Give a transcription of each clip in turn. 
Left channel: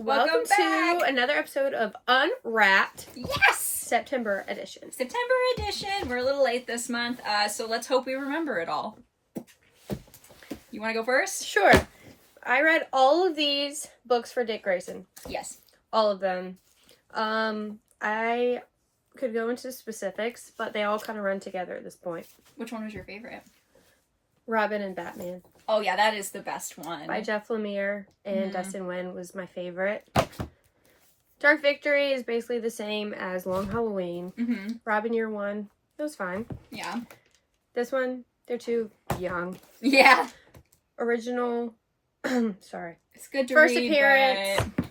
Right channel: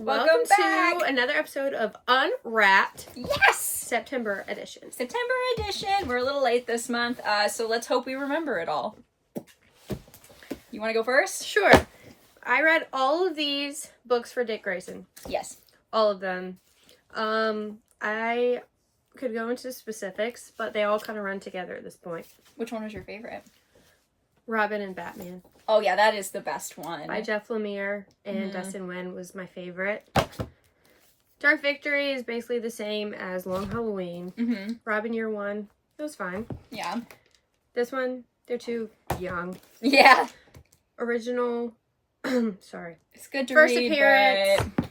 Welcome to another episode of Unwrapped. Yes! September edition. September edition. We're a little late this month, so let's hope we remember it all. You want to go first? Sure. I read all of these books for Dick Grayson. Yes. All of them. I could go into specifics, but they all kind of run together at this point. Which one was your favorite? Robin and Batman. Oh yeah, that is the best one. By Jeff Lemire and Dustin Nguyen was my favorite. Dark Victory is basically the same as Long Halloween. Mm-hmm. Robin Year One, it was fine. Yeah. This one, they're too young. Yeah. Original, sorry. It's good to First read, appearance. but...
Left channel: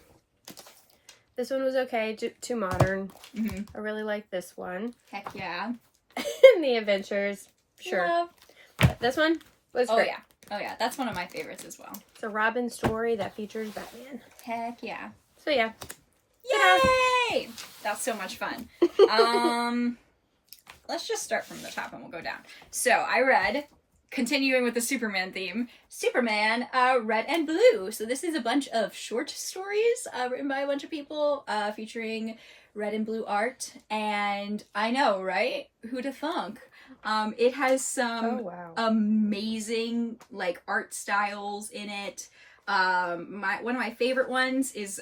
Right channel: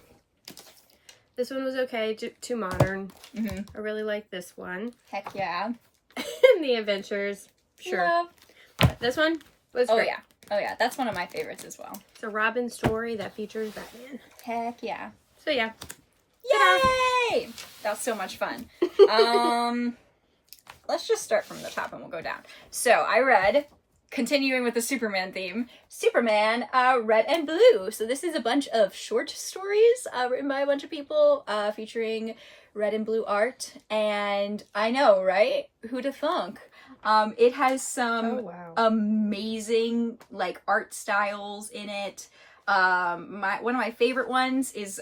This one was okay, too modern. Mm-hmm. I really like this one. Heck yeah. And The Adventures, sure. Yeah. But this one was great. Yeah. Oh yeah, that's one of my favorites as well. It's a Robin story that features Batman. Heck yeah. So yeah. Yay! That's so much fun. Let's just start from the top and we'll go down. So I read, continuing with the Superman theme, Superman Red and Blue. So this is a bunch of short stories written by a bunch of people featuring red and blue art. And I know, right? Who to thunk? It has some amazing like art styles in it. One of my favorite ones is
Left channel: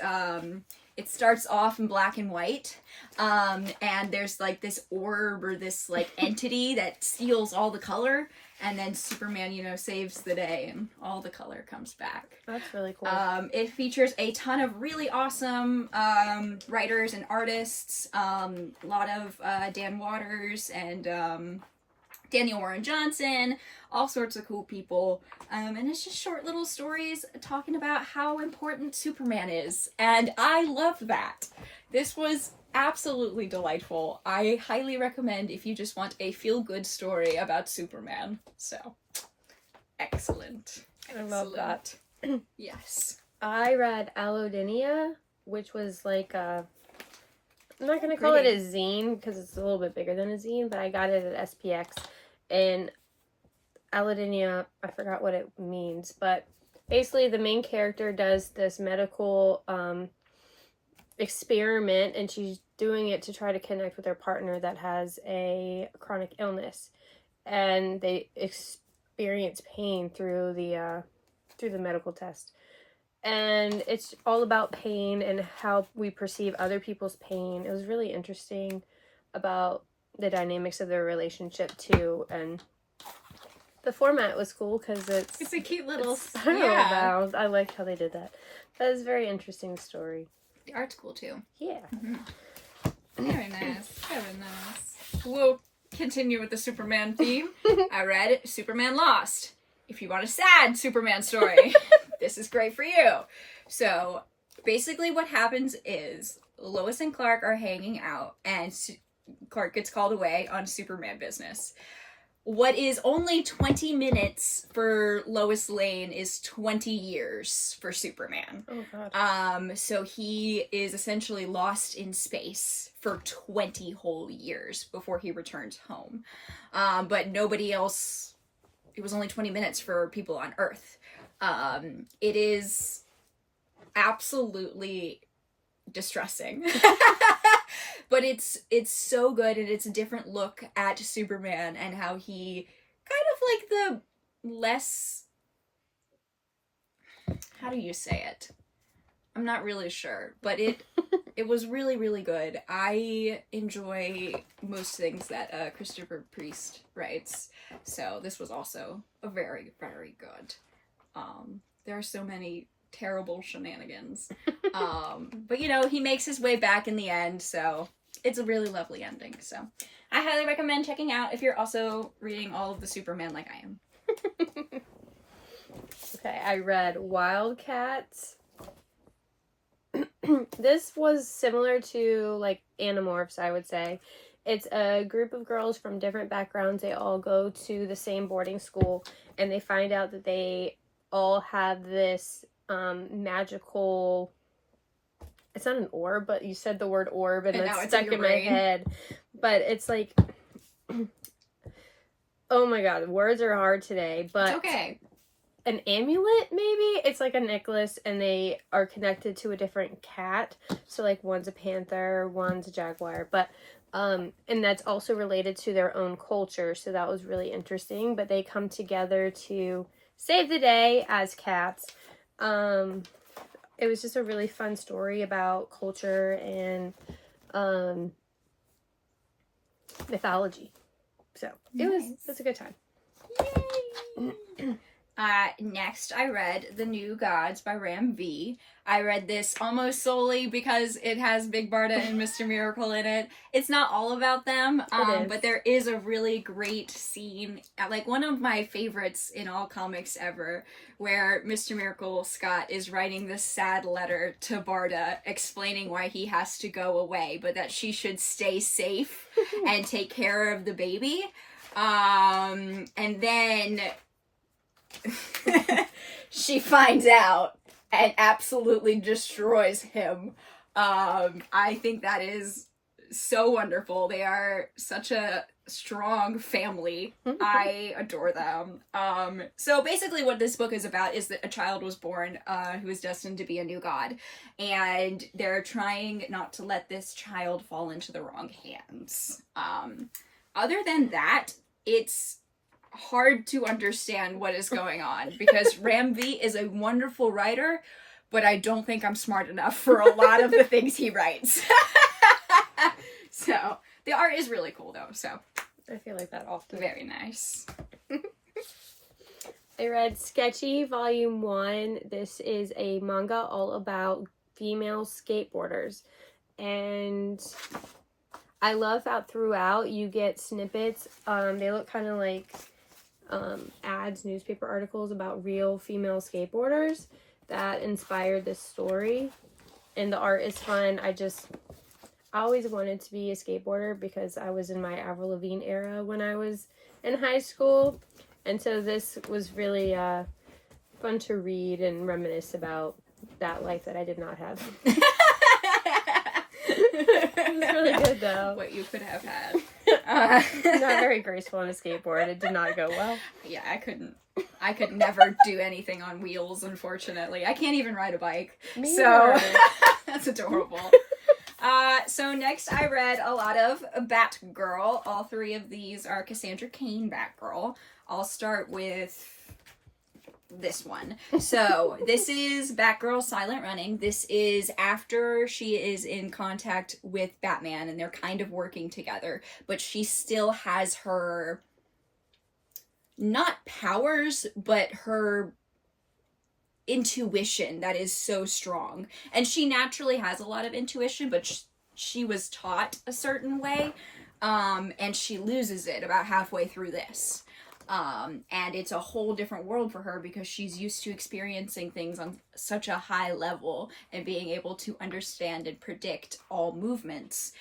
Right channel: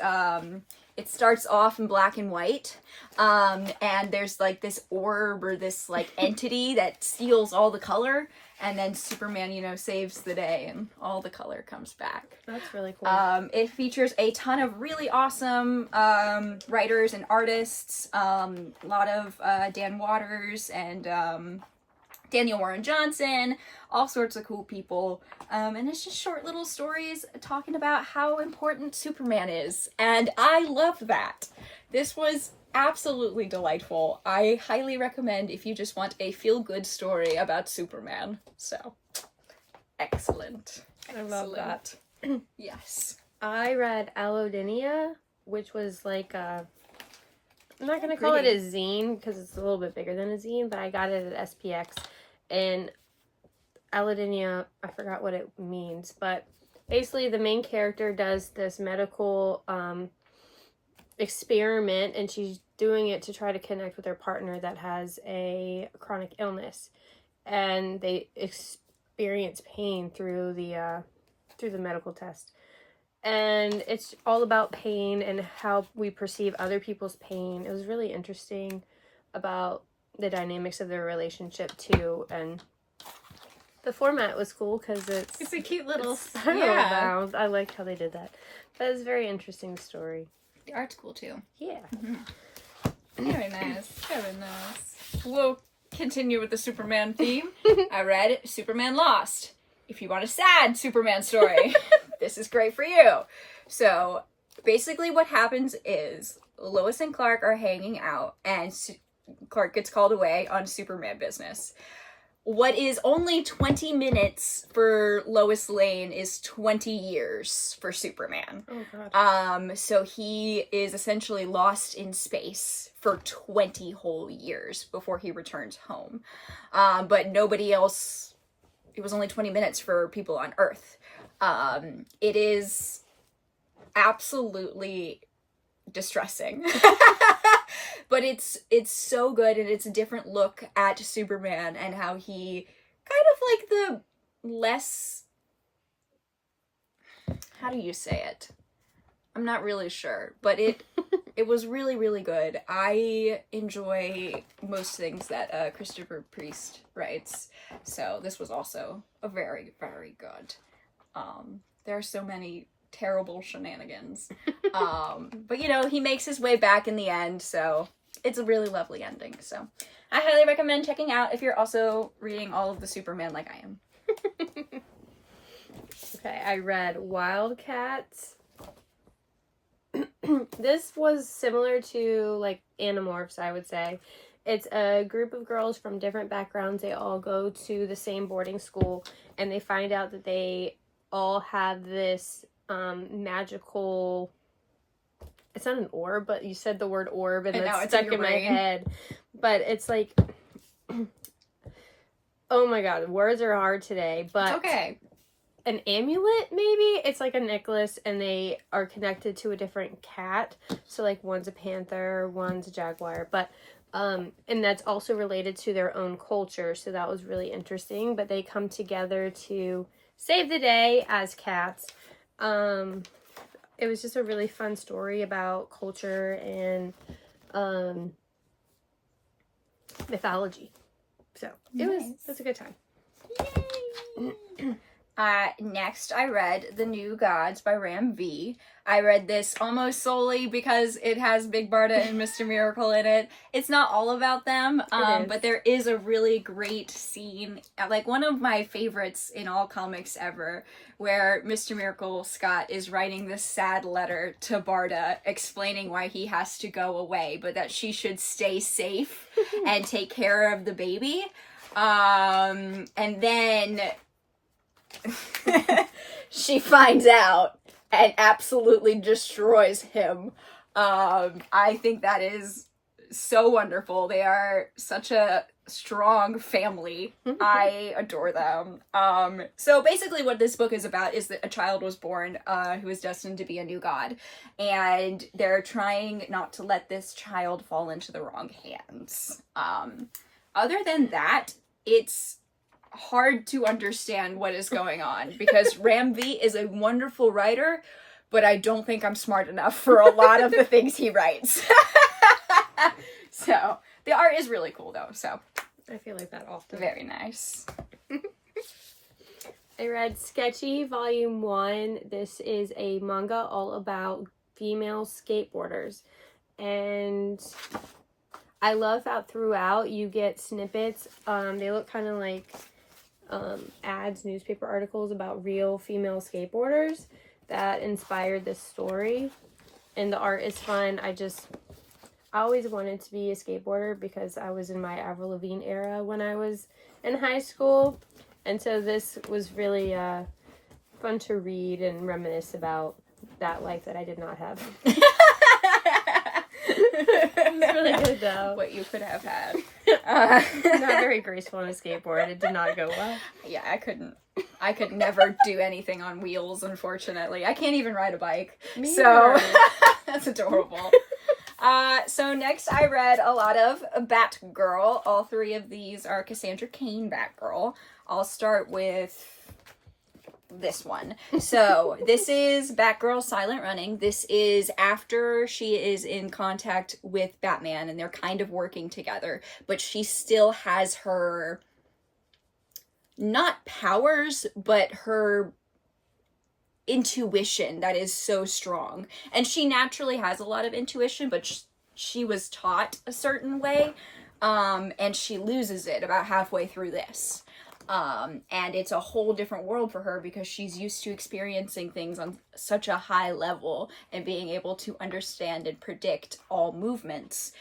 it starts off in black and white, and there's like this orb or this like entity that steals all the color, and then Superman, saves the day and all the color comes back. That's really cool. It features a ton of really awesome writers and artists, a lot of Dan Waters and Daniel Warren Johnson, all sorts of cool people. And it's just short little stories talking about how important Superman is. And I love that. This was absolutely delightful. I highly recommend if you just want a feel-good story about Superman. So, excellent. I love that. Yes. I read Allodynia, which was like I'm not going to call it a zine because it's a little bit bigger than a zine, but I got it at SPX. And Allodynia, I forgot what it means, but basically the main character does this medical experiment, and she's doing it to try to connect with her partner that has a chronic illness, and they experience pain through the medical test. And it's all about pain and how we perceive other people's pain. It was really interesting about the dynamics of their relationship too, and the format was cool because it's a cute little bound. I liked how they did that. That was a very interesting story. The art's cool too. Yeah. Mm-hmm. Very nice. Very nice. We'll continue with the Superman theme. I read Superman Lost. If you want a sad Superman story, this is great for you. So basically what happens is Lois and Clark are hanging out and Clark gets called away on Superman business. What is only 20 minutes for Lois Lane is 20 years for Superman. Oh, God. So he is essentially lost in space for 20 whole years before he returns home. But nobody else, it was only 20 minutes for people on Earth. It is absolutely distressing. But it's so good, and it's a different look at Superman and how he kind of like the less, how do you say it? I'm not really sure, but it was really, really good. I enjoy most things that Christopher Priest writes, so this was also a very, very good. There are so many terrible shenanigans. But he makes his way back in the end, so it's a really lovely ending. So I highly recommend checking out if you're also reading all of the Superman like I am. Okay, I read Wildcats. This was similar to like Animorphs, I would say. It's a group of girls from different backgrounds. They all go to the same boarding school, and they find out that they all have this magical, it's not an orb, but you said the word orb and that's stuck in my head. But it's like, oh my God, words are hard today, but okay. an amulet, maybe. It's like a necklace, and they are connected to a different cat. So like one's a panther, one's a jaguar, but and that's also related to their own culture. So that was really interesting. But they come together to save the day as cats. It was just a really fun story about culture and mythology. So it was a good time. Next, I read The New Gods by Ram V. I read this almost solely because it has Big Barda and Mr. Miracle in it. It's not all about them, but there is a really great scene, like one of my favorites in all comics ever, where Mr. Miracle Scott is writing this sad letter to Barda explaining why he has to go away, but that she should stay safe and take care of the baby. And then she finds out and absolutely destroys him. I think that is so wonderful. They are such a strong family. I adore them. So basically what this book is about is that a child was born who is destined to be a new god, and they're trying not to let this child fall into the wrong hands. Other than that, it's hard to understand what is going on because Ram V is a wonderful writer, but I don't think I'm smart enough for a lot of the things he writes. So the art is really cool though, so I feel like that often. Very nice. I read Sketchy Volume 1. This is a manga all about female skateboarders, and I love that throughout you get snippets. They look kind of like ads, newspaper articles about real female skateboarders that inspired this story, and the art is fun. I always wanted to be a skateboarder because I was in my Avril Lavigne era when I was in high school, and so this was really fun to read and reminisce about that life that I did not have. It's really good though. What you could have had. Not very graceful on a skateboard. It did not go well. Yeah, I could never do anything on wheels, unfortunately. I can't even ride a bike. Me so either. That's adorable. So next I read a lot of Batgirl. All three of these are Cassandra Cain Batgirl. I'll start with this one. So this is Batgirl Silent Running. This is after she is in contact with Batman and they're kind of working together, but she still has her, not powers, but her intuition that is so strong. And she naturally has a lot of intuition, but she was taught a certain way, and she loses it about halfway through this. And it's a whole different world for her because she's used to experiencing things on such a high level and being able to understand and predict all movements.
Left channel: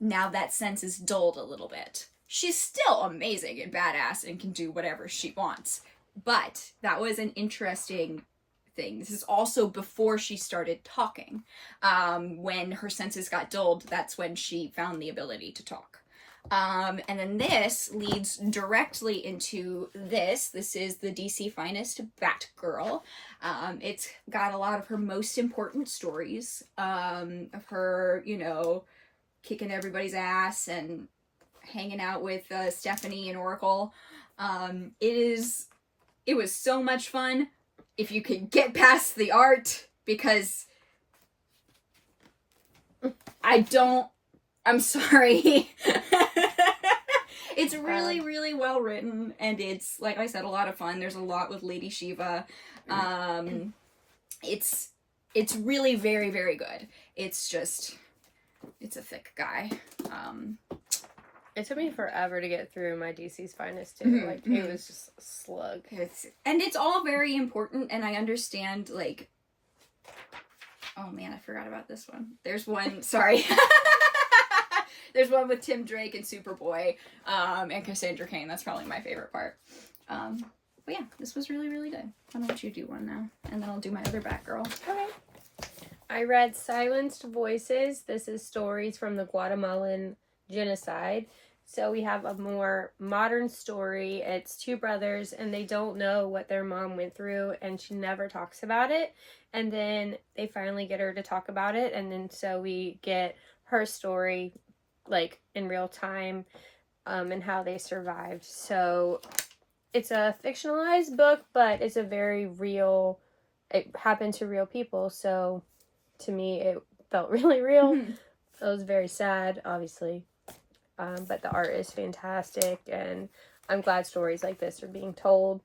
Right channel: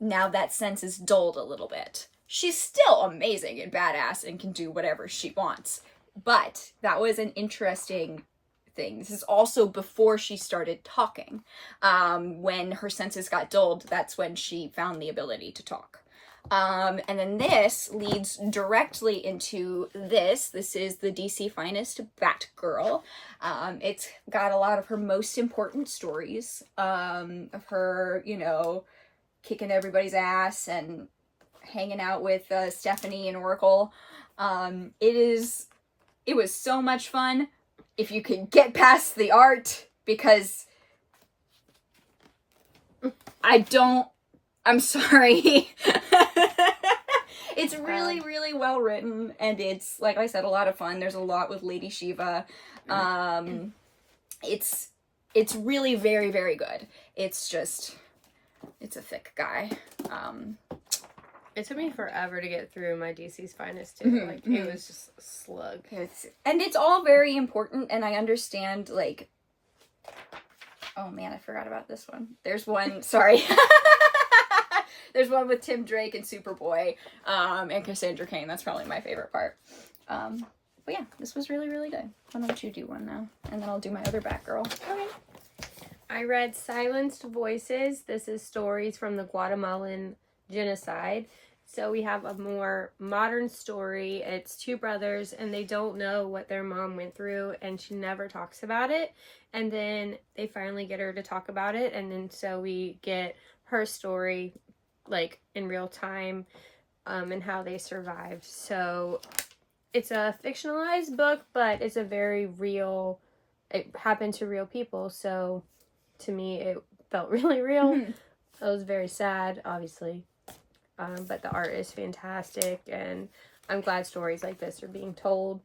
Now that sense is dulled a little bit. She's still amazing and badass and can do whatever she wants, but that was an interesting thing. This is also before she started talking. When her senses got dulled, that's when she found the ability to talk. And then this leads directly into this. This is the DC Finest Batgirl. It's got a lot of her most important stories, of her, kicking everybody's ass and hanging out with Stephanie and Oracle. It was so much fun if you could get past the art, because I'm sorry. It's really, really well written, and it's, like I said, a lot of fun. There's a lot with Lady Shiva. It's really very, very good. It's a thick guy. It took me forever to get through my DC's Finest too. It was just a slug. It's all very important, and I understand, oh man, I forgot about this one. There's one, sorry. There's one with Tim Drake and Superboy, and Cassandra Cain. That's probably my favorite part. But yeah, this was really, really good. Why don't you do one now? And then I'll do my other Batgirl. Okay. I read Silenced Voices. This is stories from the Guatemalan genocide. So we have a more modern story. It's two brothers and they don't know what their mom went through and she never talks about it. And then they finally get her to talk about it. And then so we get her story like in real time and how they survived. So it's a fictionalized book, but it's a very real, it happened to real people. So to me, it felt really real. It was very sad, obviously. But the art is fantastic, and I'm glad stories like this are being told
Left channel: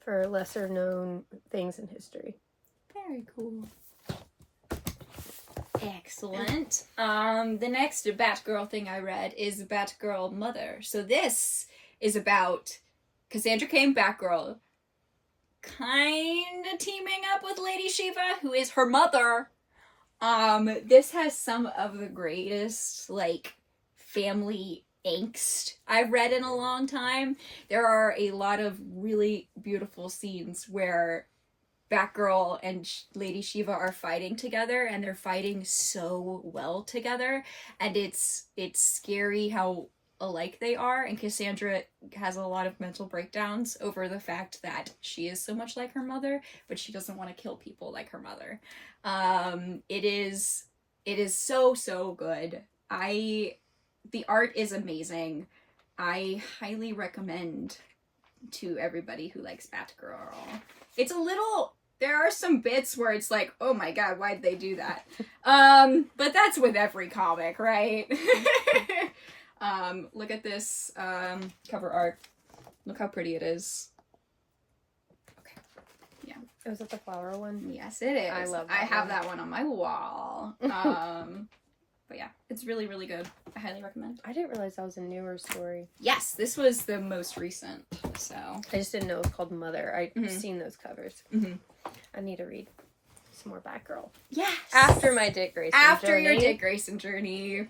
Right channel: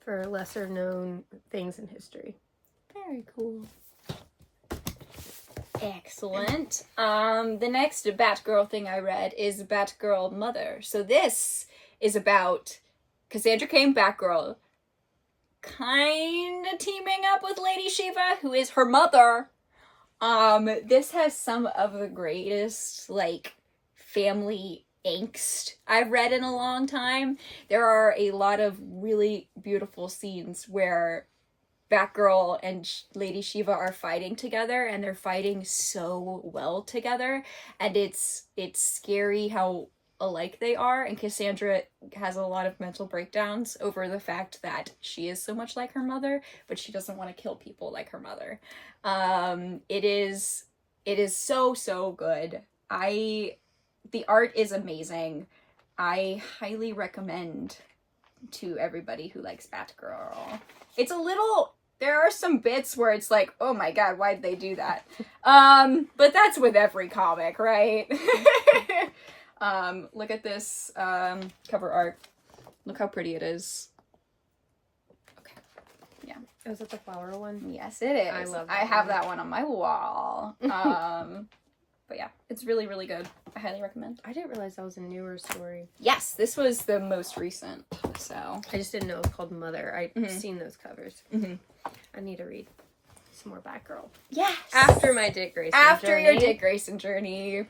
for lesser known things in history. Very cool. Excellent. The next Batgirl thing I read is Batgirl Mother. So this is about Cassandra Cain, Batgirl, kind of teaming up with Lady Shiva, who is her mother. This has some of the greatest, like, family angst I've read in a long time. There are a lot of really beautiful scenes where Batgirl and Lady Shiva are fighting together, and they're fighting so well together, and it's scary how alike they are, and Cassandra has a lot of mental breakdowns over the fact that she is so much like her mother, but she doesn't want to kill people like her mother. It is so good. The art is amazing. I highly recommend to everybody who likes Batgirl. It's a little, there are some bits where it's like, oh my god, why did they do that? But that's with every comic, right? Look at this cover art. Look how pretty it is. Okay. Yeah. Was it the flower one? Yes, it is. I love that I have one. that one on my wall. But yeah, it's really, really good. I highly recommend. I didn't realize that was a newer story. Yes, this was the most recent, so. I just didn't know it was called Mother. I've seen those covers. I need to read some more Batgirl. Yes! After my Dick Grayson journey. After your Dick Grayson journey.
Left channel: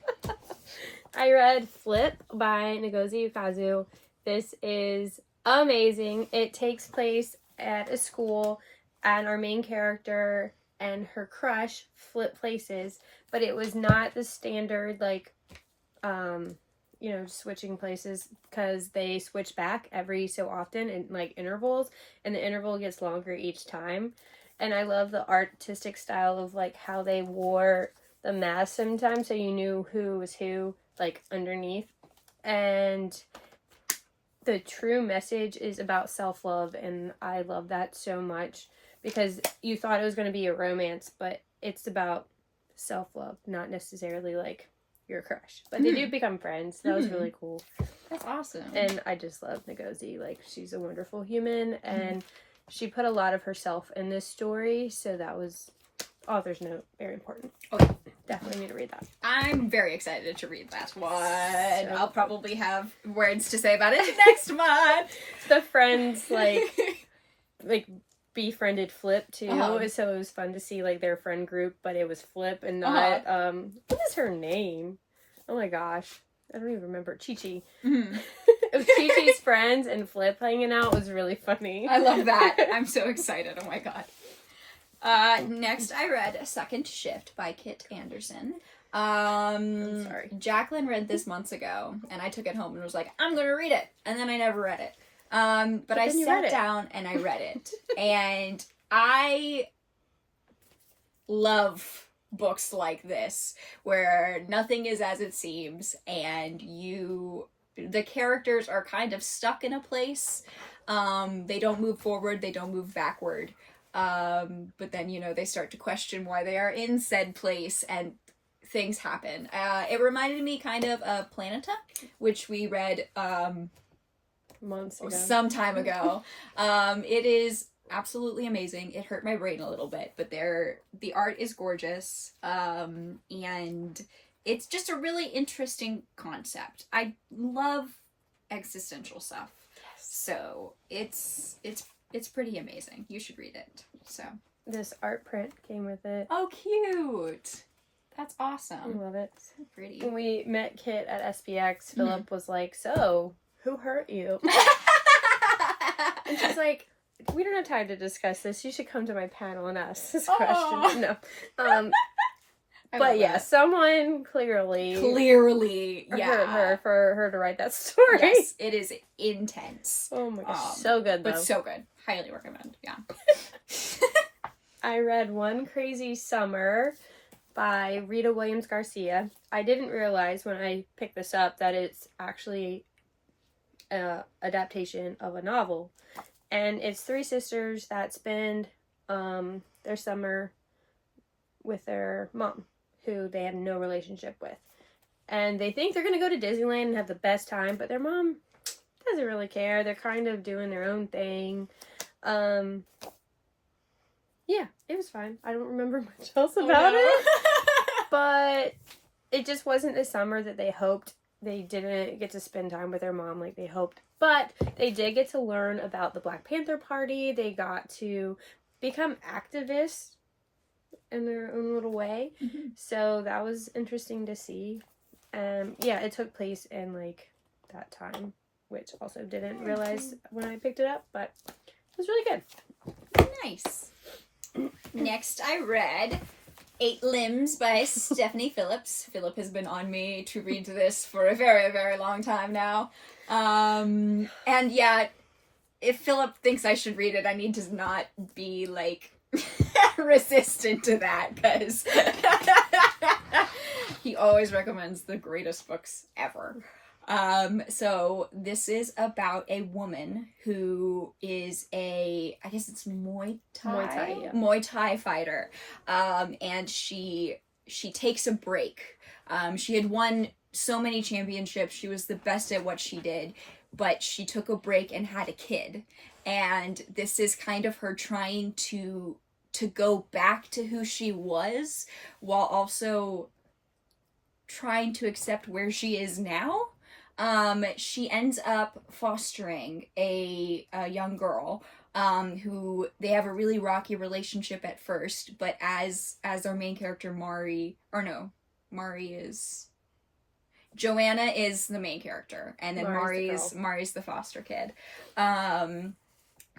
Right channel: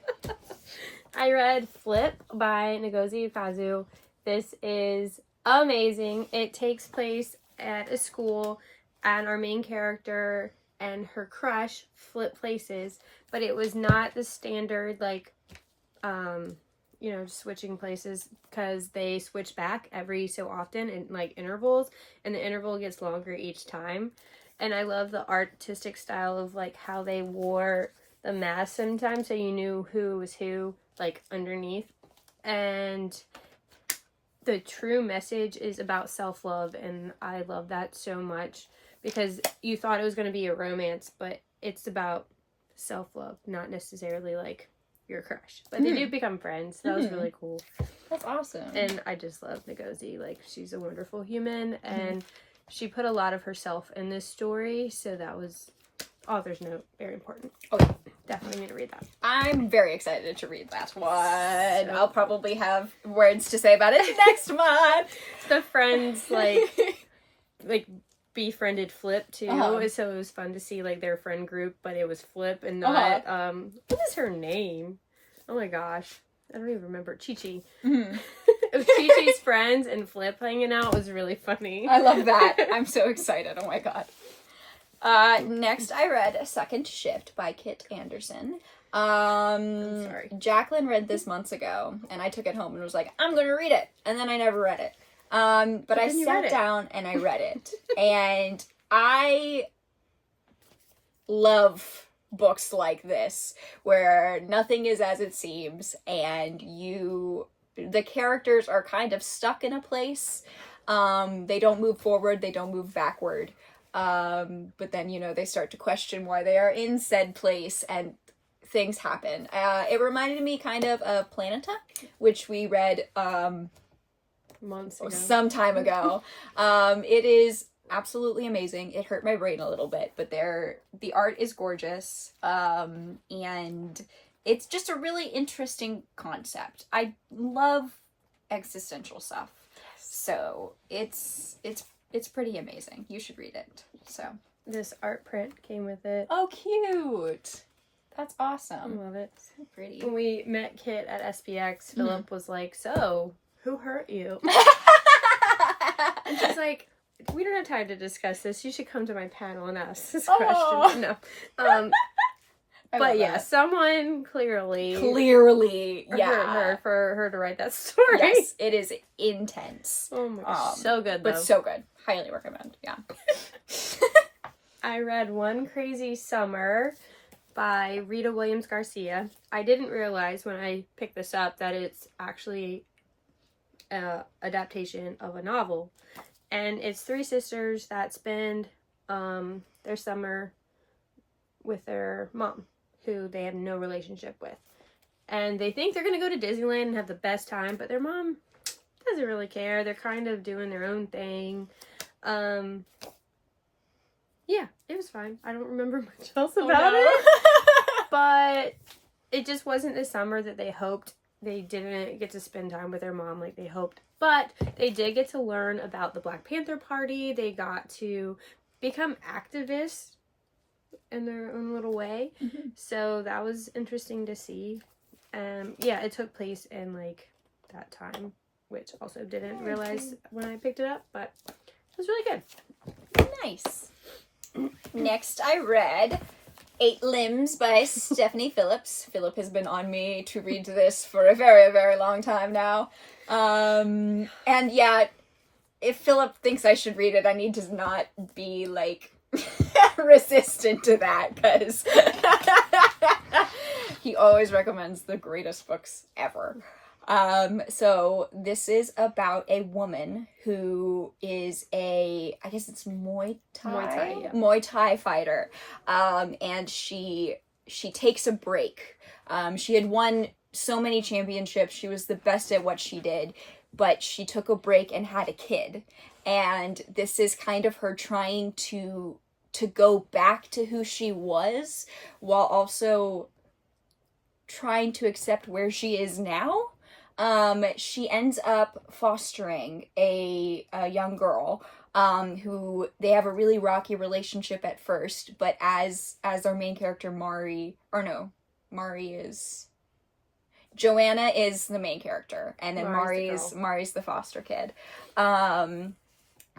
I read Flip by Ngozi Ukazu. This is amazing. It takes place at a school, and our main character and her crush flip places, but it was not the standard, like, switching places, because they switch back every so often in, like, intervals, and the interval gets longer each time. And I love the artistic style of, like, how they wore the mask sometimes, so you knew who was who, like, underneath. And the true message is about self-love, and I love that so much, because you thought it was going to be a romance, but it's about self-love, not necessarily, like, your crush. But they do become friends, so that was really cool. That's awesome. And I just love Ngozi. Like, she's a wonderful human, and she put a lot of herself in this story, so that was, author's note, very important. Okay. Definitely need to read that. I'm very excited to read that one. So, I'll probably have words to say about it next month. The friends, like befriended Flip too, so it was fun to see, like, their friend group, but it was Flip and not what is her name? Oh my gosh, I don't even remember. Chi-Chi. It was Chi-Chi's friends and Flip hanging out. It was really funny. I love that. I'm so excited. Oh my god. Next I read Second Shift by Kit Anderson. I'm sorry. Jaclyn read this months ago, and I took it home and was like, I'm gonna read it, and then I never read it. But I sat down and I read it, and I love books like this, where nothing is as it seems, and the characters are kind of stuck in a place. They don't move forward, they don't move backward. But then, they start to question why they are in said place, and things happen. It reminded me kind of Planeta, which we read, months ago. Some time ago. It is absolutely amazing. It hurt my brain a little bit, but the art is gorgeous. And it's just a really interesting concept. I love existential stuff. Yes. So it's pretty amazing. You should read it. So this art print came with it. Oh, cute. That's awesome. I love it. So pretty. When we met Kit at SPX, Philip was like, so, who hurt you? And she's like, we don't have time to discuss this. You should come to my panel and ask this question. No. But yeah, someone clearly yeah, hurt her for her to write that story. Yes, it is intense. Oh my gosh, so good though. But so good. Highly recommend. Yeah. I read One Crazy Summer by Rita Williams Garcia. I didn't realize when I picked this up that it's actually an adaptation of a novel. And it's three sisters that spend their summer with their mom, who they have no relationship with. And they think they're going to go to Disneyland and have the best time, but their mom doesn't really care. They're kind of doing their own thing. Yeah, it was fine. I don't remember much else about it. But it just wasn't the summer that they hoped. They didn't get to spend time with their mom like they hoped. But they did get to learn about the Black Panther Party. They got to become activists in their own little way. Mm-hmm. So that was interesting to see. Yeah, it took place in like that time, which also didn't realize when I picked it up, but it was really good. Nice. Next, I read 8 Limbs by Stephanie Phillips. Philip has been on me to read this for a very, very long time now. And yeah, if Philip thinks I should read it, I need to not be, like, resistant to that, because he always recommends the greatest books ever. So this is about a woman who is I guess it's Muay Thai fighter. And she takes a break. She had won so many championships. She was the best at what she did, but she took a break and had a kid. And this is kind of her trying to go back to who she was while also trying to accept where she is now. She ends up fostering a young girl, who they have a really rocky relationship at first, but as our main character Joanna is the main character, and then Mari's the foster kid.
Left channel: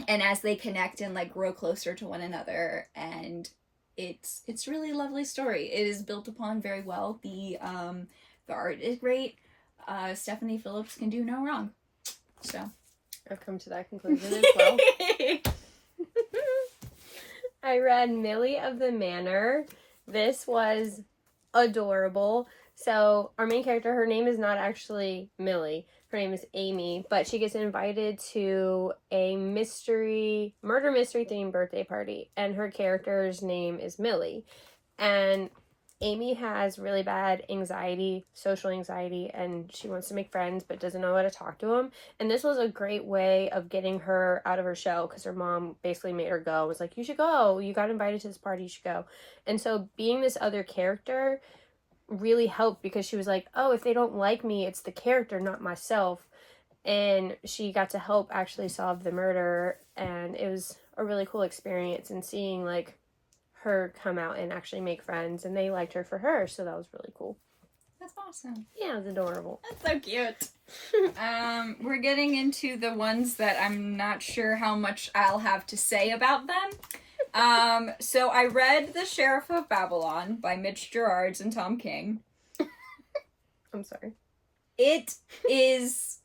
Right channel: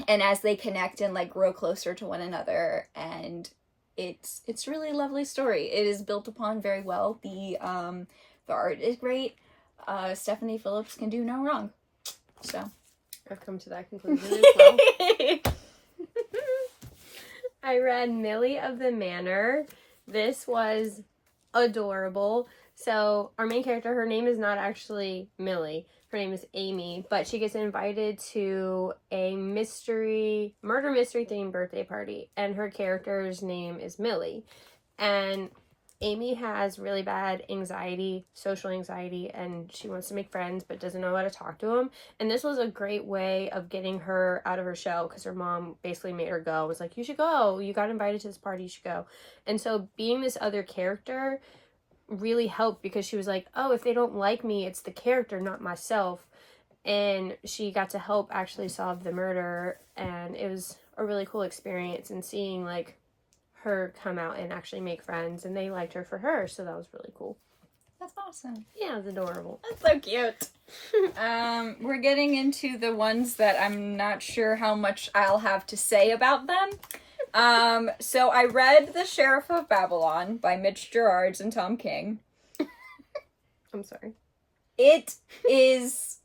And as they connect and like grow closer to one another, and it's a really lovely story. It is built upon very well. The art is great. Stephanie Phillips can do no wrong. So I've come to that conclusion as well. I read Millie of the Manor. This was adorable. So our main character, her name is not actually Millie. Her name is Amy, but she gets invited to a murder mystery themed birthday party, and her character's name is Millie. And Amy has really bad social anxiety, and she wants to make friends but doesn't know how to talk to them. And this was a great way of getting her out of her shell, because her mom basically made her go. Was like, you should go. You got invited to this party. You should go. And so being this other character really helped, because she was like, oh, if they don't like me, it's the character, not myself. And she got to help actually solve the murder, and it was a really cool experience, and seeing like her come out and actually make friends, and they liked her for her, so that was really cool. That's awesome. Yeah, it's adorable. That's so cute. We're getting into the ones that I'm not sure how much I'll have to say about them. So I read The Sheriff of Babylon by Mitch Gerards and Tom King. I'm sorry. It is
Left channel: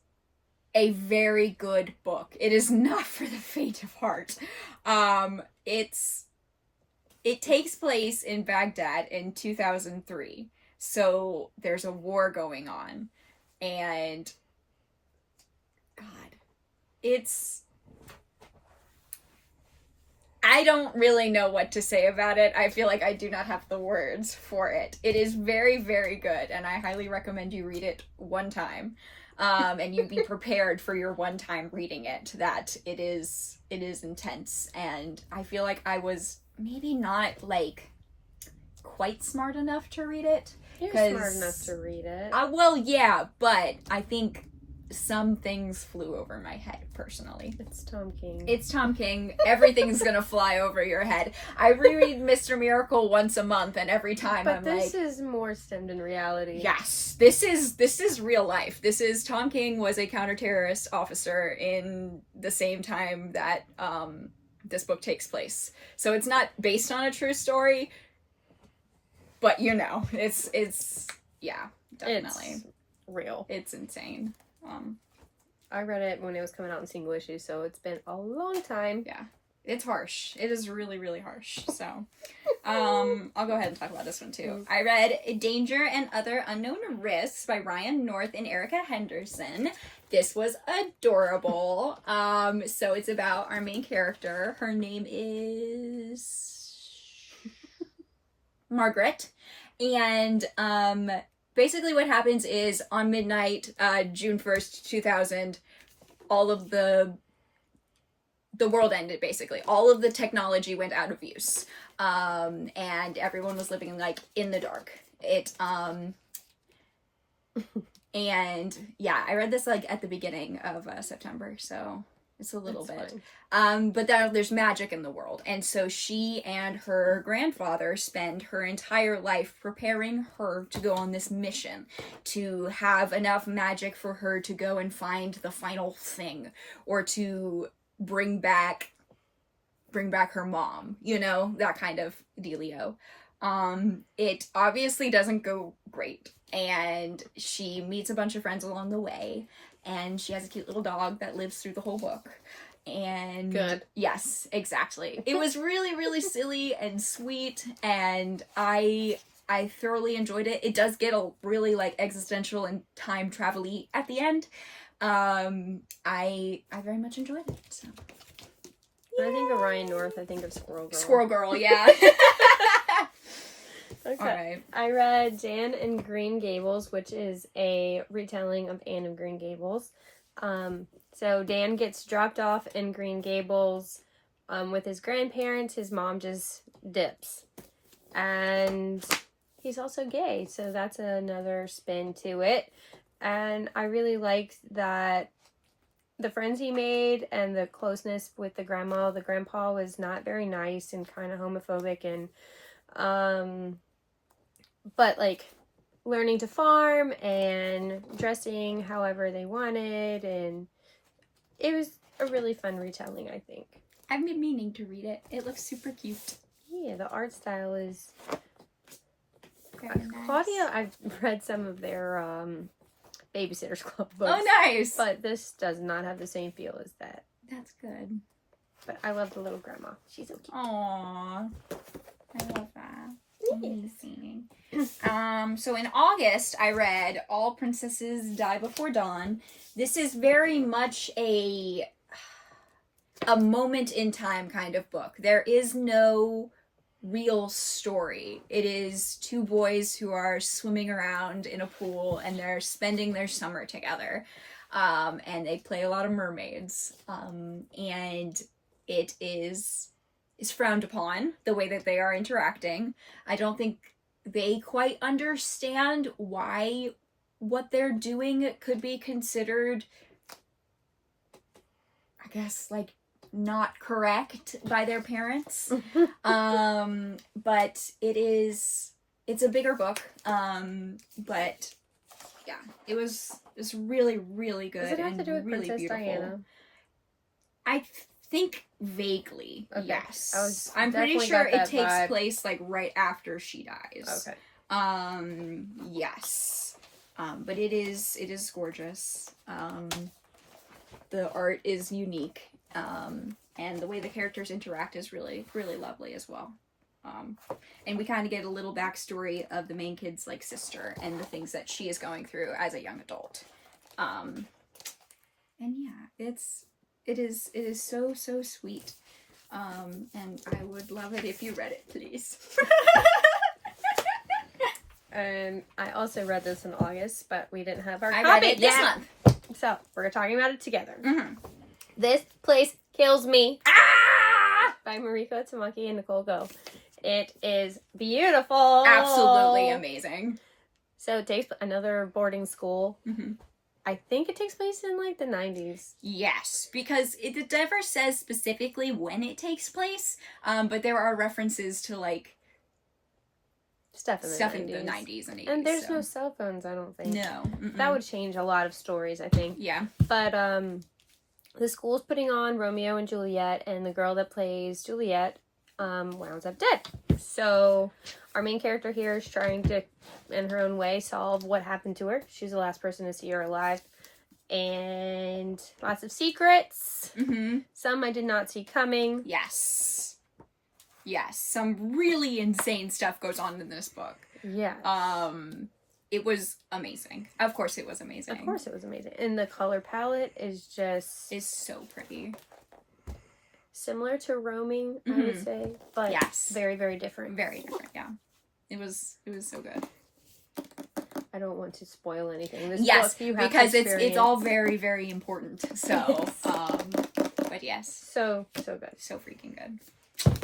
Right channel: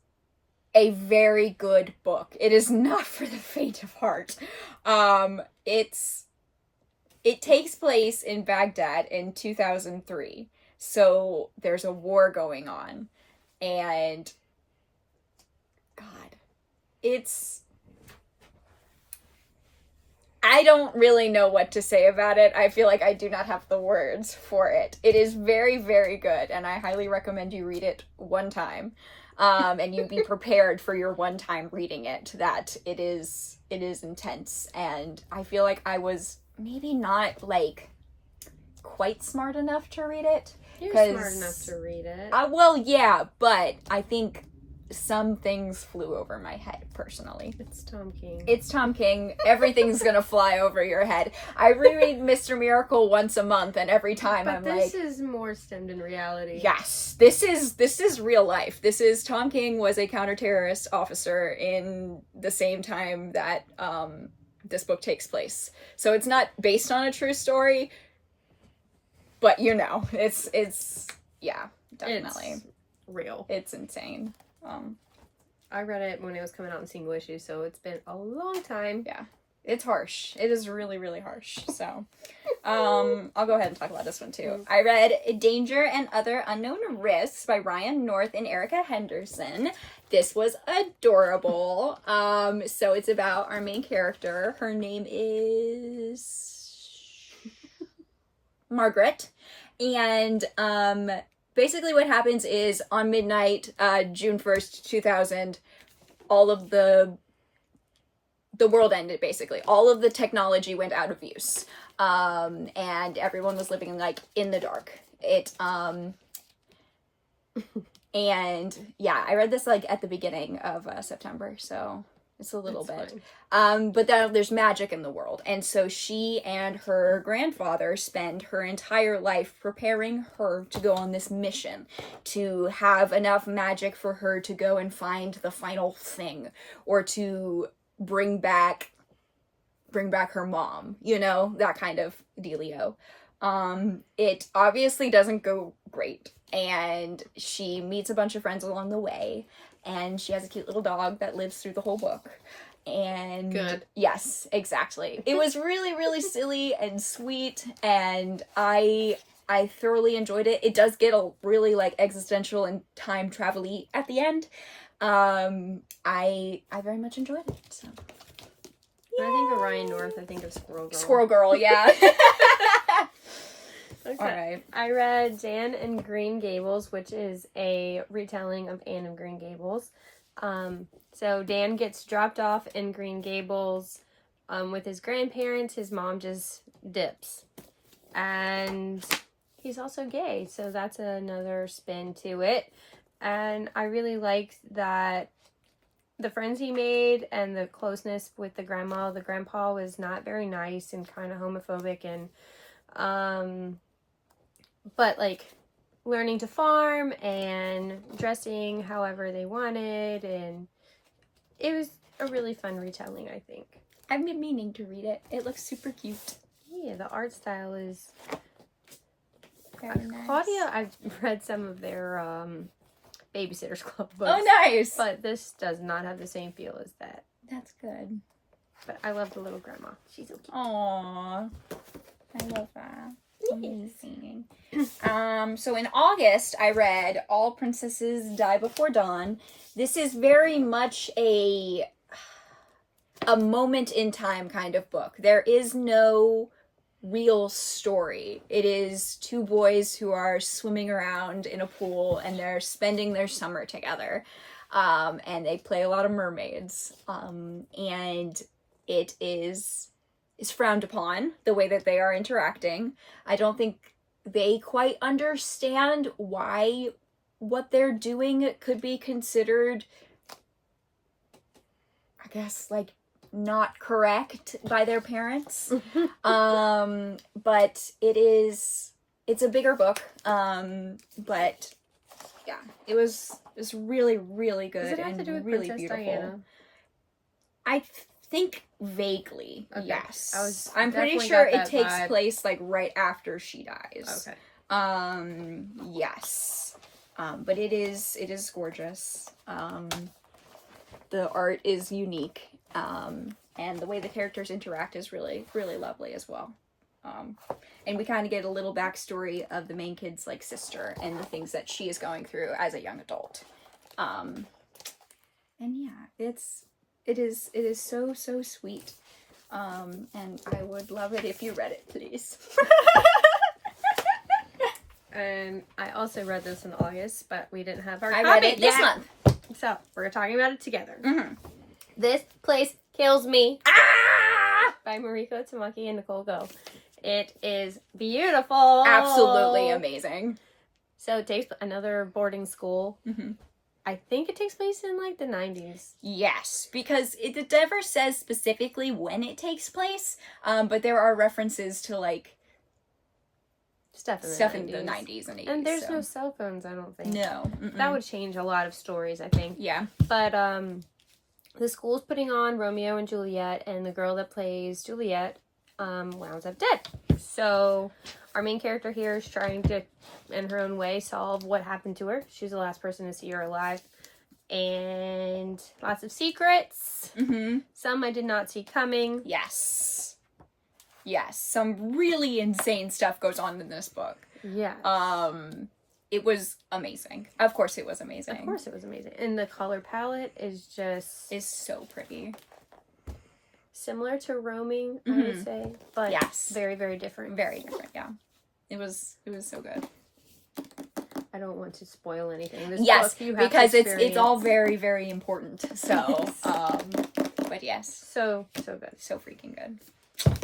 a very good book. It is not for the faint of heart. It takes place in Baghdad in 2003. So there's a war going on. And God, I don't really know what to say about it. I feel like I do not have the words for it. It is very, very good, and I highly recommend you read it one time. And you be prepared for your one time reading it, that it is intense. And I feel like I was maybe not like quite smart enough to read it. You're smart enough to read it. Well, yeah, but I think some things flew over my head, personally. It's Tom King. It's Tom King. Everything's gonna fly over your head. I reread Mr. Miracle once a month, and every time I'm like... But this is more stemmed in reality. Yes. This is real life. Tom King was a counter-terrorist officer in the same time that this book takes place. So it's not based on a true story, But it's yeah, definitely. It's real. It's insane. I read it when it was coming out in single issue, so it's been a long time. Yeah. It's harsh. It is really, really harsh. So, I'll go ahead and talk about this one too. I read Danger and Other Unknown Risks by Ryan North and Erica Henderson. This was adorable. So it's about our main character. Her name is Margaret. And, basically what happens is on midnight, June 1st, 2000, all of the world ended, basically. All of the technology went out of use. And everyone was living, like, in the dark. And, yeah, I read this, like, at the beginning of September, so it's a little bit. But then there's magic in the world. And so she and her grandfather spend her entire life preparing her to go on this mission, to have enough magic for her to go and find the final thing, or to bring back her mom, that kind of dealio. It obviously doesn't go great, and she meets a bunch of friends along the way, and she has a cute little dog that lives through the whole book. And good. Yes, exactly. It was really, really silly and sweet, and I thoroughly enjoyed it. It does get a really, like, existential and time travel-y at the end. I very much enjoyed it. So. When I think of Ryan North, I think of Squirrel Girl. Squirrel Girl, yeah. Okay. All right. I read Dan and Green Gables, which is a retelling of Anne of Green Gables. So Dan gets dropped off in Green Gables with his grandparents. His mom just dips. And he's also gay, so that's another spin to it. And I really liked that the friends he made and the closeness with the grandpa was not very nice and kind of homophobic, and but like learning to farm and dressing however they wanted, and it was a really fun retelling, I think. I've been meaning to read it. It looks super cute. Yeah, the art style is Very nice. Claudia. I've read some of their Babysitter's Club books. Oh, nice! But this does not have the same feel as that. That's good. But I love the little grandma. She's so cute. Aww. I love that. Yes. So in August, I read All Princesses Die Before Dawn. This is very much a moment in time kind of book. There is no real story. It is two boys who are swimming around in a pool, and they're spending their summer together. And they play a lot of mermaids. And it is frowned upon, the way that they are interacting. I don't think they quite understand why what they're doing could be considered, I guess, like, not correct by their parents. But it's a bigger book. But yeah, it was really, really good. Does it have to do with really Princess beautiful. Diana? I think vaguely, Okay. yes. I I'm pretty definitely sure got it that takes vibe. place like right after she dies. Okay. Yes. But it is gorgeous. The art is unique. And the way the characters interact is really, really lovely as well. And we kind of get a little backstory of the main kid's, like, sister and the things that she is going through as a young adult. And yeah, it is so, so sweet. And I would love it if you read it, please. And I also read this in August, but we didn't have our I copy read it this yet. month. So we're talking about it together. Mm-hmm. This Place Kills Me Ah! by Mariko Tamaki and Nicole Go. It is beautiful. Absolutely amazing. So it takes another boarding school. Mm-hmm. I think it takes place in like the 90s. Yes, because it never says specifically when it takes place, but there are references to, like, Stuff in the 90s and 80s. And there's so. no cell phones, I don't think. No. Mm-mm. That would change a lot of stories, I think. Yeah. But the school's putting on Romeo and Juliet, and the girl that plays Juliet, wounds up dead. So our main character here is trying to, in her own way, solve what happened to her. She's the last person to see her alive. And lots of secrets. Mm-hmm. Some I did not see coming. Yes. Yes. Some really insane stuff goes on in this book. Yeah. It was amazing. Of course it was amazing. Of course it was amazing. And the color palette is so pretty. Similar to Roaming, I would say. But yes. Very, very different. Very different, yeah. It was so good. I don't want to spoil anything. This yes, book you have because to it's all very, very important. So, but yes. So good. So freaking good.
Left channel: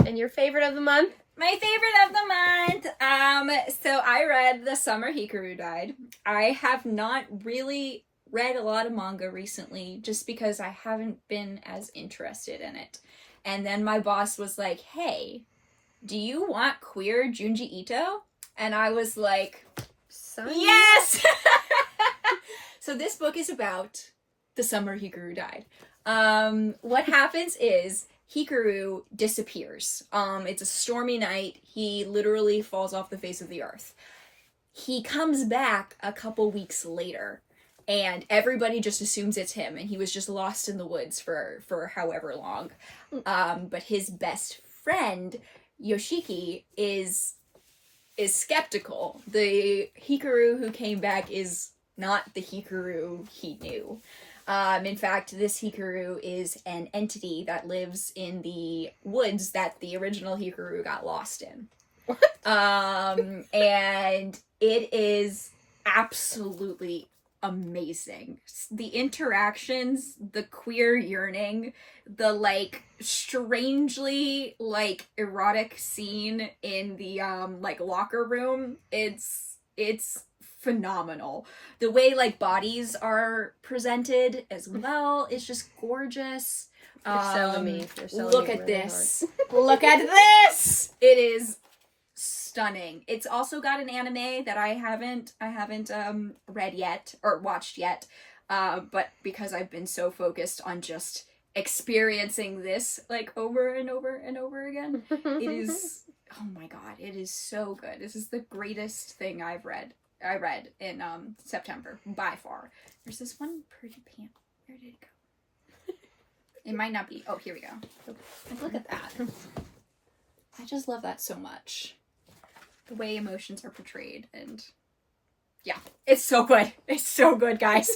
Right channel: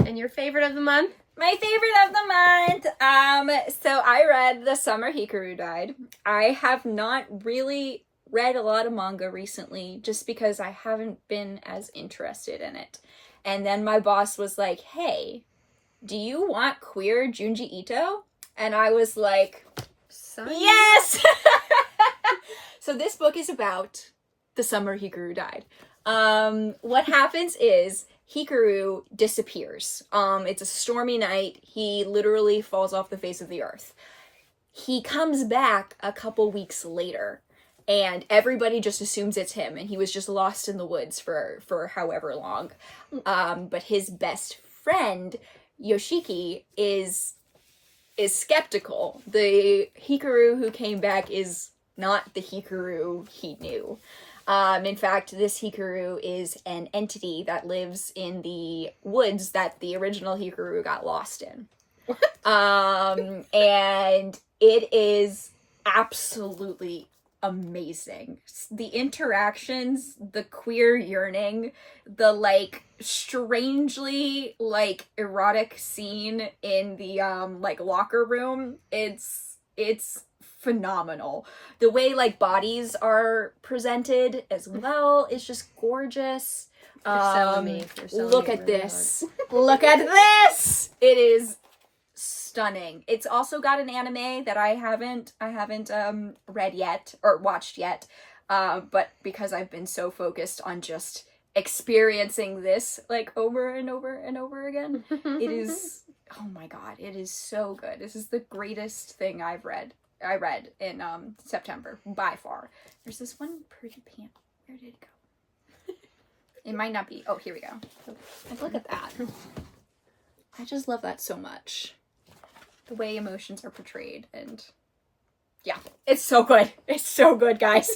And your favorite of the month? My favorite of the month. So I read The Summer Hikaru Died. I have not really read a lot of manga recently just because I haven't been as interested in it. And then my boss was like, "Hey, do you want queer Junji Ito?" And I was like, yes! So this book is about the summer Hikaru died. What happens is Hikaru disappears. It's a stormy night. He literally falls off the face of the earth. He comes back a couple weeks later, and everybody just assumes it's him, and he was just lost in the woods for however long. But his best friend, Yoshiki, is skeptical. The Hikaru who came back is not the Hikaru he knew. In fact, this Hikaru is an entity that lives in the woods that the original Hikaru got lost in. And it is absolutely amazing. The interactions, the queer yearning, the strangely erotic scene in the locker room, it's phenomenal. The way bodies are presented as well is just gorgeous. You're selling me. Look at this. Look at this. It is stunning. It's also got an anime that I haven't read yet or watched yet. But because I've been so focused on just experiencing this over and over and over again, it is, oh my god, it is so good. This is the greatest thing I read in September by far. There's this one pretty pant. Where did it go? It might not be. Oh, here we go. Look at that. I just love that so much. The way emotions are portrayed, and yeah, it's so good. It's so good, guys.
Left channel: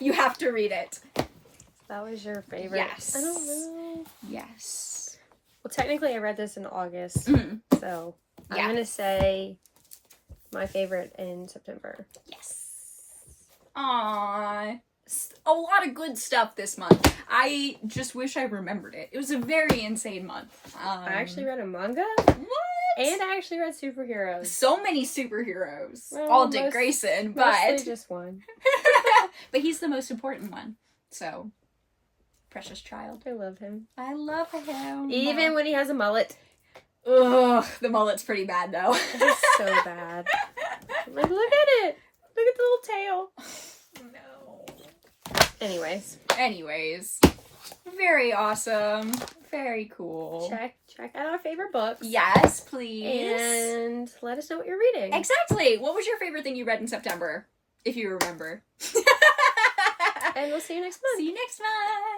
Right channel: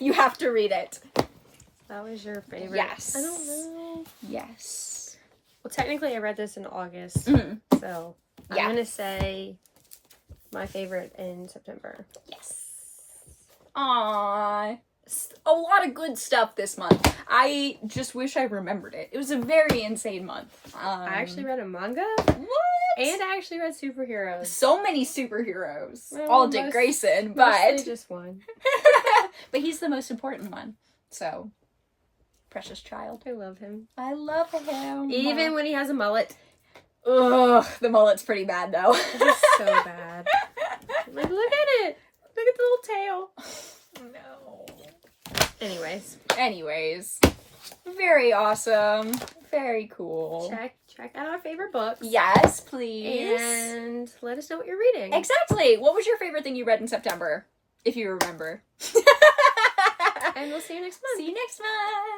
You have to read it. That was your favorite? Yes. I don't know. Yes. Well, technically I read this in August, so I'm going to say my favorite in September. Yes. Aww. A lot of good stuff this month. I just wish I remembered it. It was a very insane month. I actually read a manga. What? And I actually read superheroes. So many superheroes. Well, all Dick Grayson, but mostly just one. But he's the most important one. So, precious child. I love him. I love him. Even when he has a mullet. Ugh, the mullet's pretty bad though. It's so bad. Look at it. Look at the little tail. No. Anyways. Very awesome. Very cool. Check out our favorite books. Yes, please. And let us know what you're reading. Exactly. What was your favorite thing you read in September? If you remember. And we'll see you next month. See you next month.